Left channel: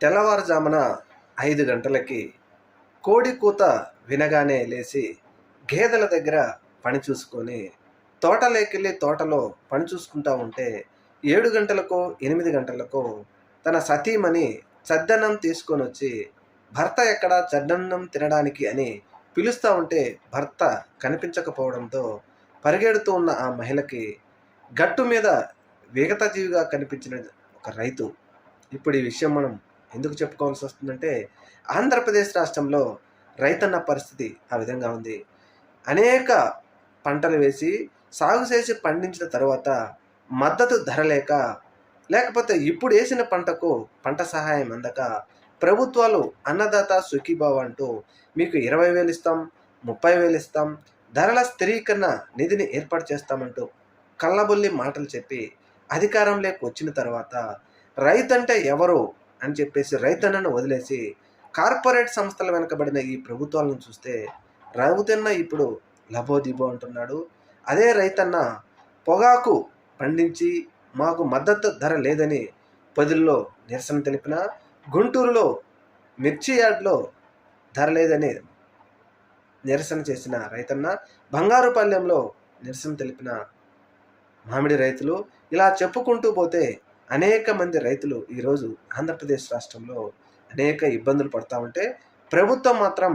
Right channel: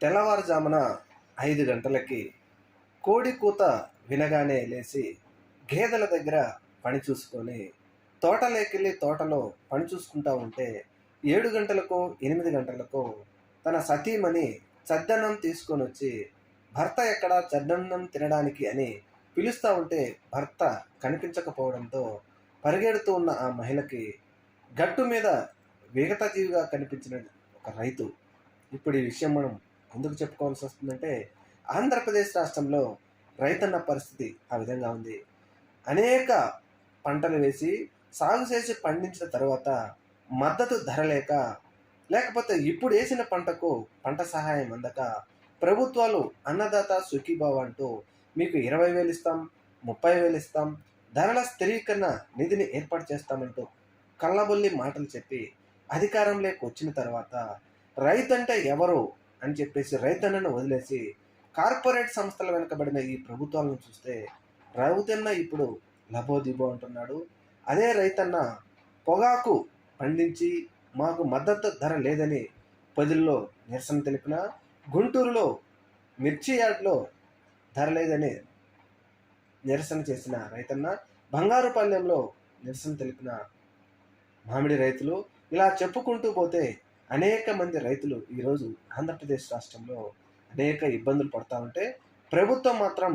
తెల్లవారుజామున 5 గంటలకి కోడి కూత వినగానే లేచి గేదెల దగ్గర పని చూసుకొని తోటలోకెళ్ళి తోటలో పని చూసుకుంటా ఉంటే 7 గంటలకో 8 గంటలకో తన సతీమణి చద్దన్నం తీసుకొని వచ్చి భర్త ఎక్కడ చద్దన్నం తినడానికి అని పిలుస్తూ ఉంటే భర్త కనిపించకపోవడంతో పరిగెడుతూ ఉన్న ఆ మహిళకి గట్టు మీద విగతజీవిగా కనిపించిన ఒక రైతు. ఇప్పుడు ఈ విషయం మనం ఎందుకు చెప్పుకోవాల్సి వస్తుందంటే, ఆంధ్రప్రదేశ్ రాష్ట్రంలో రైతన్న పరిస్థితి ఆ విధంగా ఉంది. అనేక పంటలు వేసి సాగు చేసి పండించిన తర్వాత మద్దతు ధర లేక, లేకపోతే ఇప్పుడు వేసిన పంటకు పంట సహాయం అందక ప్రభుత్వాలు అన్నదాత సుఖీభావ అంటూ మీకు 20,000 ఇస్తాం, 30,000 ఇస్తాం, ధరల స్థిరీకరణ నిధిని ఏర్పాటు చేస్తామంటూ కళ్ళబొల్లి మాటలు చెప్పి అధికారంలోకి వచ్చిన తర్వాత రైతంటే ఎవరు అని చెప్పేసి రైతన్నను వదిలేసి కార్పొరేట్ సంస్థల వెనకబడిన ఈ ప్రభుత్వాలను చూస్తే రైతన్న ఇప్పుడు లబోదిబో అంటున్నాడు. అదే రైతన్న పొగాకు పండించి మాకు మద్దతు ధర లేదని పొదిల్లో నిరసన తెలిపిన, గుంటూరులో మిర్చి యార్డ్లో ధర లేదని నిరసన చేసిన రైతన్న, బంగారుపాలెంలో నిరసన తెలిపిన మామిడి రైతులు, ఇలా చెప్పుకుంటూ పోతే అనేక మంది రైతులు ఈరోజు ఆంధ్రప్రదేశ్ రాష్ట్రంలో అనేక ఇబ్బందులు పడతా ఉంటే ప్రభుత్వం మాత్రం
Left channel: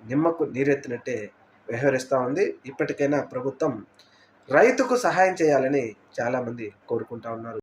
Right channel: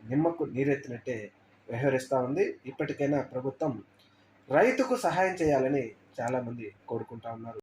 నిమ్మకు నీరెత్తినట్టే వ్యవహరిస్తూ ఉంది. ఇప్పటికైనా ప్రభుత్వం రైతుకు సహాయం చేయాలని చాలామంది కోరుకుంటా ఉన్నారు.